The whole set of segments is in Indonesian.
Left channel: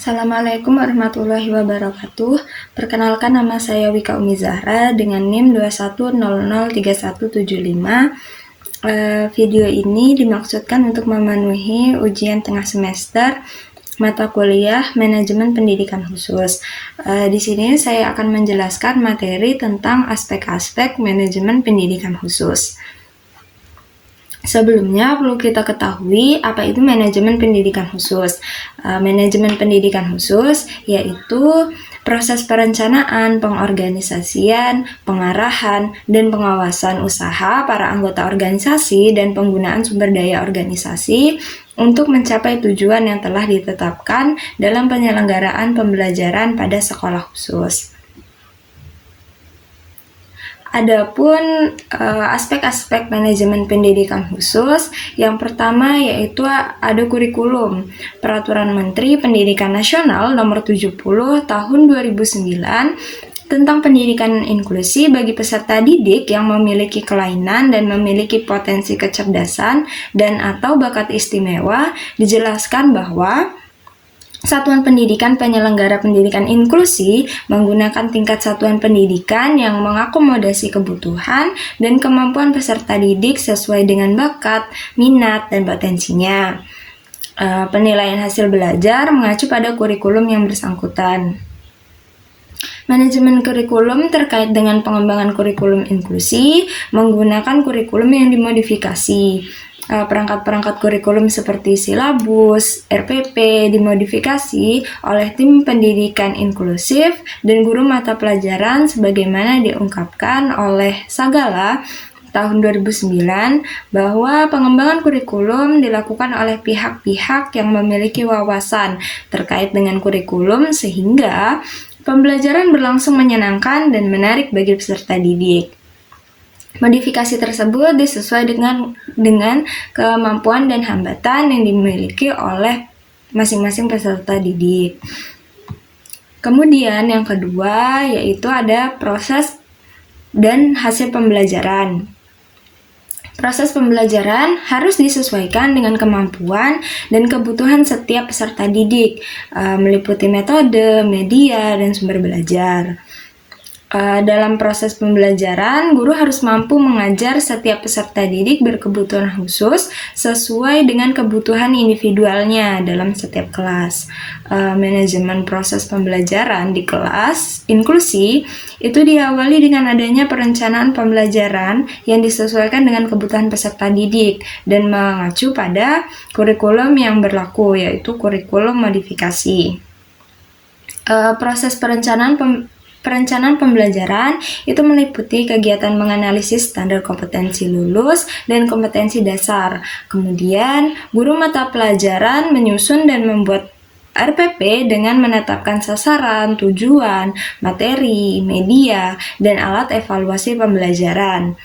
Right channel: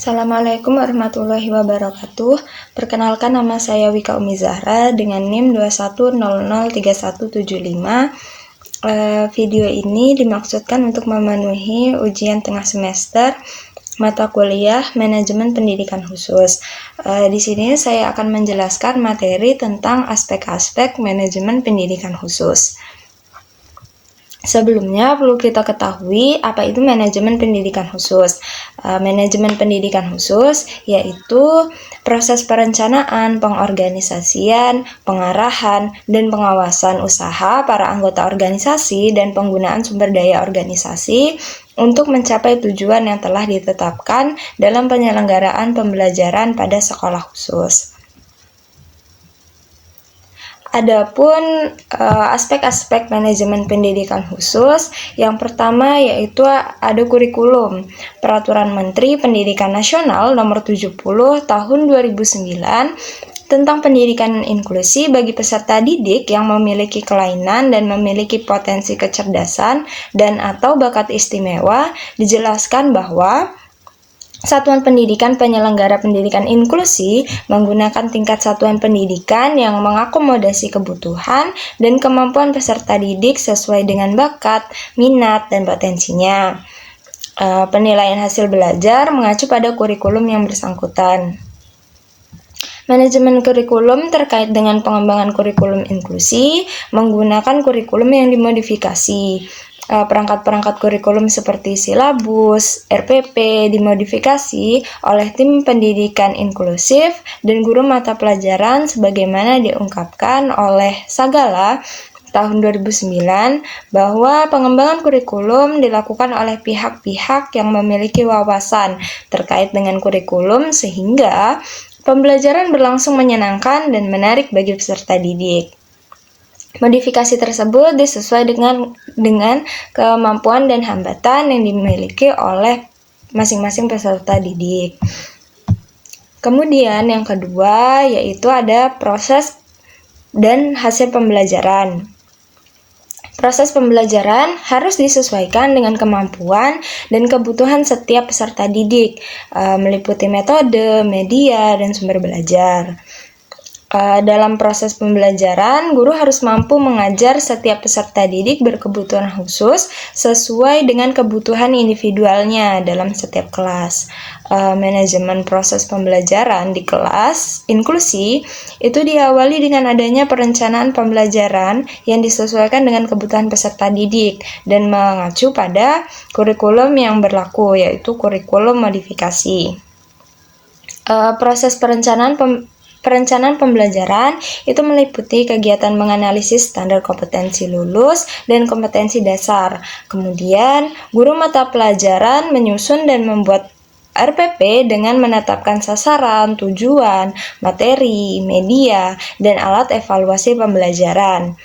Assalamualaikum warahmatullahi wabarakatuh. Perkenalkan, nama saya Wika Umi Zahra dengan NIM 21003175. Video ini dimaksudkan untuk memenuhi ujian tengah semester mata kuliah Manajemen Pendidikan Khusus. Di sini saya akan menjelaskan materi tentang aspek-aspek manajemen pendidikan khusus. Sebelumnya perlu kita ketahui apa itu manajemen pendidikan khusus. Manajemen pendidikan khusus yaitu proses perencanaan, pengorganisasian, pengarahan, dan pengawasan usaha para anggota organisasi dan penggunaan sumber daya organisasi untuk mencapai tujuan yang telah ditetapkan dalam penyelenggaraan pembelajaran pada sekolah khusus. Adapun aspek-aspek manajemen pendidikan khusus, yang pertama yaitu ada kurikulum. Peraturan Menteri Pendidikan Nasional Nomor 70 Tahun 2009 tentang pendidikan inklusi bagi peserta didik yang memiliki kelainan dan memiliki potensi kecerdasan dan atau bakat istimewa, dijelaskan bahwa Satuan Pendidikan penyelenggara pendidikan inklusi menggunakan tingkat satuan pendidikan yang mengakomodasi kebutuhan dan kemampuan peserta didik sesuai dengan bakat, minat, dan potensinya. Penilaian hasil belajar mengacu pada kurikulum yang bersangkutan. Manajemen kurikulum terkait dengan pengembangan kurikulum inklusi menggunakan kurikulum yang dimodifikasi. Perangkat-perangkat kurikulum seperti silabus, RPP dimodifikasi oleh tim pendidikan inklusif dan guru mata pelajaran sebagaimana diungkapkan oleh Sagala tahun 2009 bahwa pengembangan kurikulum dilakukan oleh pihak-pihak yang memiliki wawasan terkait dengan kurikulum sehingga pembelajaran berlangsung menyenangkan dan menarik bagi peserta didik. Modifikasi tersebut disesuaikan dengan kemampuan dan hambatan yang dimiliki oleh masing-masing peserta didik. Kemudian yang kedua yaitu ada proses dan hasil pembelajaran. Proses pembelajaran harus disesuaikan dengan kemampuan dan kebutuhan setiap peserta didik, meliputi metode, media, dan sumber belajar. Dalam proses pembelajaran, guru harus mampu mengajar setiap peserta didik berkebutuhan khusus sesuai dengan kebutuhan individualnya dalam setiap kelas. Manajemen proses pembelajaran di kelas inklusi itu diawali dengan adanya perencanaan pembelajaran yang disesuaikan dengan kebutuhan peserta didik dan mengacu pada kurikulum yang berlaku, yaitu kurikulum modifikasi. Proses Perencanaan pembelajaran itu meliputi kegiatan menganalisis standar kompetensi lulus dan kompetensi dasar. Kemudian, guru mata pelajaran menyusun dan membuat RPP dengan menetapkan sasaran, tujuan, materi, media, dan alat evaluasi pembelajaran.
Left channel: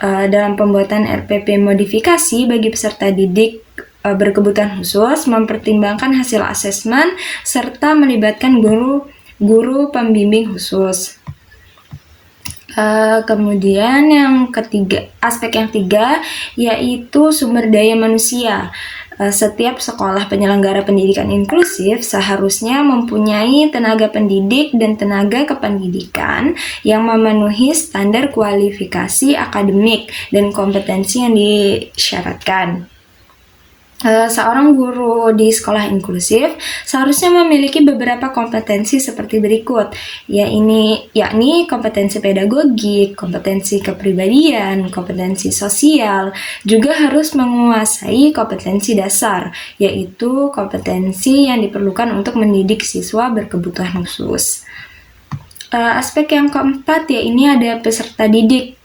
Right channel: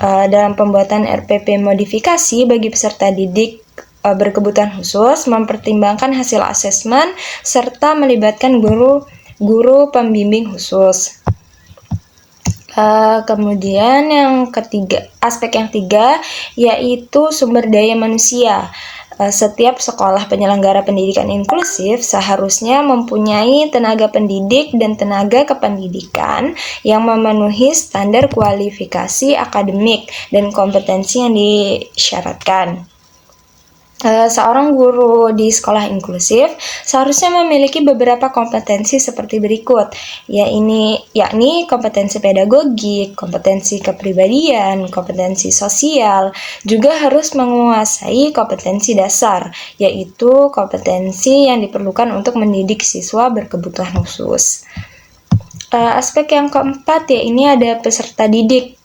Dalam pembuatan RPP modifikasi bagi peserta didik berkebutuhan khusus, mempertimbangkan hasil asesmen serta melibatkan guru pembimbing khusus. Kemudian aspek yang ketiga yaitu sumber daya manusia. Setiap sekolah penyelenggara pendidikan inklusif seharusnya mempunyai tenaga pendidik dan tenaga kependidikan yang memenuhi standar kualifikasi akademik dan kompetensi yang disyaratkan. Seorang guru di sekolah inklusif seharusnya memiliki beberapa kompetensi seperti berikut, yakni kompetensi pedagogik, kompetensi kepribadian, kompetensi sosial, juga harus menguasai kompetensi dasar, yaitu kompetensi yang diperlukan untuk mendidik siswa berkebutuhan khusus. Aspek yang keempat ada peserta didik.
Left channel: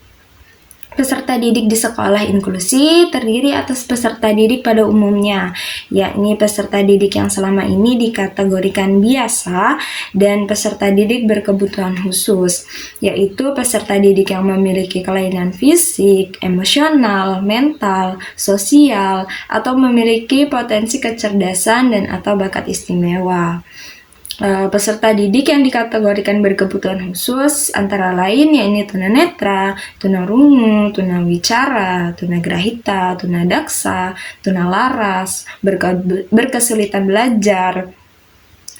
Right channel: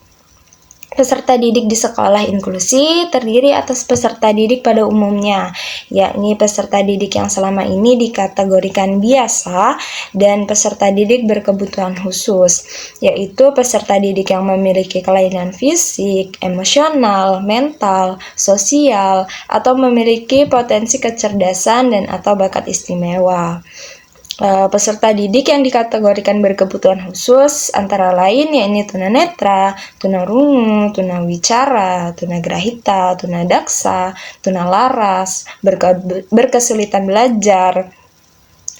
Peserta didik di sekolah inklusi terdiri atas peserta didik pada umumnya, yakni peserta didik yang selama ini dikategorikan biasa dan peserta didik berkebutuhan khusus, yaitu peserta didik yang memiliki kelainan fisik, emosional, mental, sosial, atau memiliki potensi kecerdasan dan atau bakat istimewa. Peserta didik yang dikategorikan berkebutuhan khusus antara lain yakni tunanetra, tunarungu, tunawicara, tunagrahita, tunadaksa, tunalaras, berkesulitan belajar,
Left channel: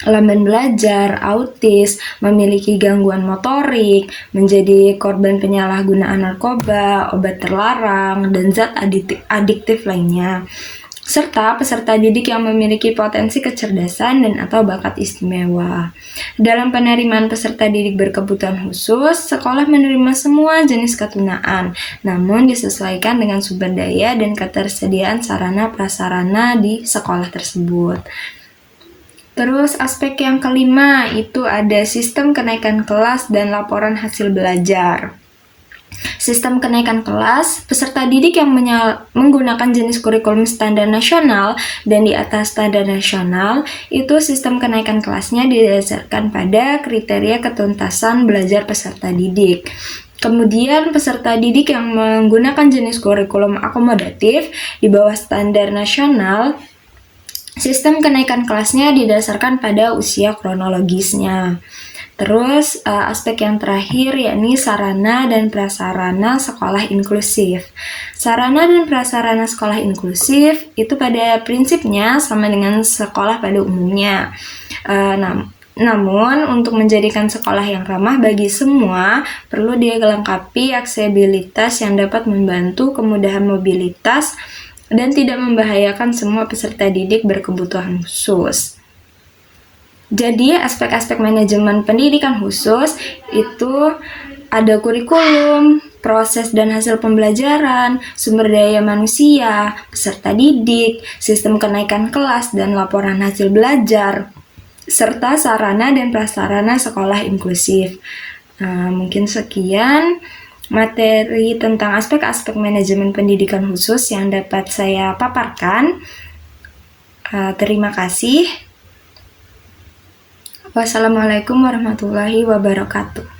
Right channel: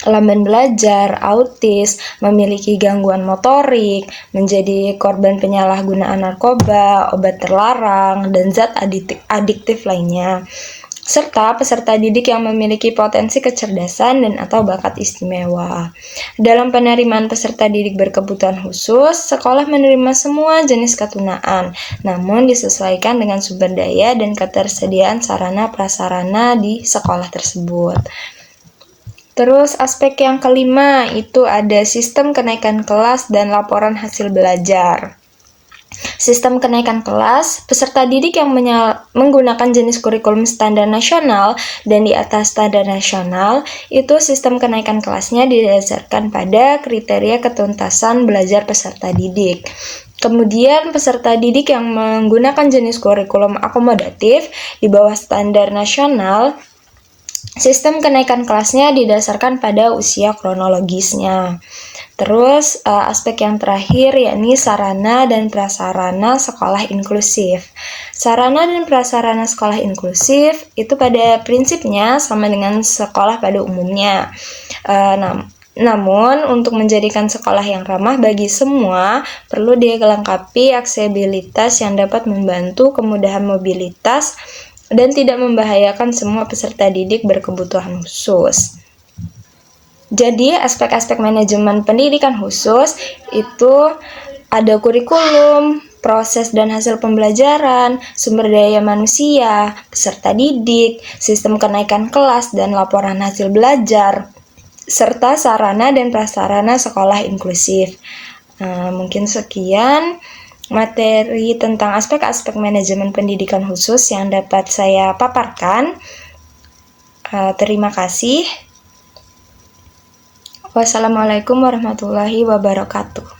lamban belajar, autis, memiliki gangguan motorik, menjadi korban penyalahgunaan narkoba, obat terlarang, dan zat adiktif lainnya, serta peserta didik yang memiliki potensi kecerdasan dan atau bakat istimewa. Dalam penerimaan peserta didik berkebutuhan khusus, sekolah menerima semua jenis ketunaan, namun disesuaikan dengan sumber daya dan ketersediaan sarana prasarana di sekolah tersebut. Terus aspek yang kelima itu ada sistem kenaikan kelas dan laporan hasil belajar. Sistem kenaikan kelas, peserta didik yang menggunakan jenis kurikulum standar nasional dan di atas standar nasional, itu sistem kenaikan kelasnya didasarkan pada kriteria ketuntasan belajar peserta didik. Kemudian peserta didik yang menggunakan jenis kurikulum akomodatif di bawah standar nasional, sistem kenaikan kelasnya didasarkan pada usia kronologisnya. Terus aspek yang terakhir yakni sarana dan prasarana sekolah inklusif. Sarana dan prasarana sekolah inklusif itu pada prinsipnya sama dengan sekolah pada umumnya. Namun untuk menjadikan sekolah yang ramah bagi semua, perlu dilengkapi aksesibilitas yang dapat membantu kemudahan mobilitas dan tidak membahayakan semua peserta didik berkebutuhan khusus. Jadi, aspek-aspek manajemen pendidikan khusus itu ada kurikulum, proses dan hasil pembelajaran, sumber daya manusia, peserta didik, sistem kenaikan kelas dan laporan hasil belajar, serta sarana dan prasarana sekolah inklusif. Mungkin sekian materi tentang aspek-aspek manajemen pendidikan khusus yang dapat saya paparkan. Terima kasih. Wassalamualaikum warahmatullahi wabarakatuh.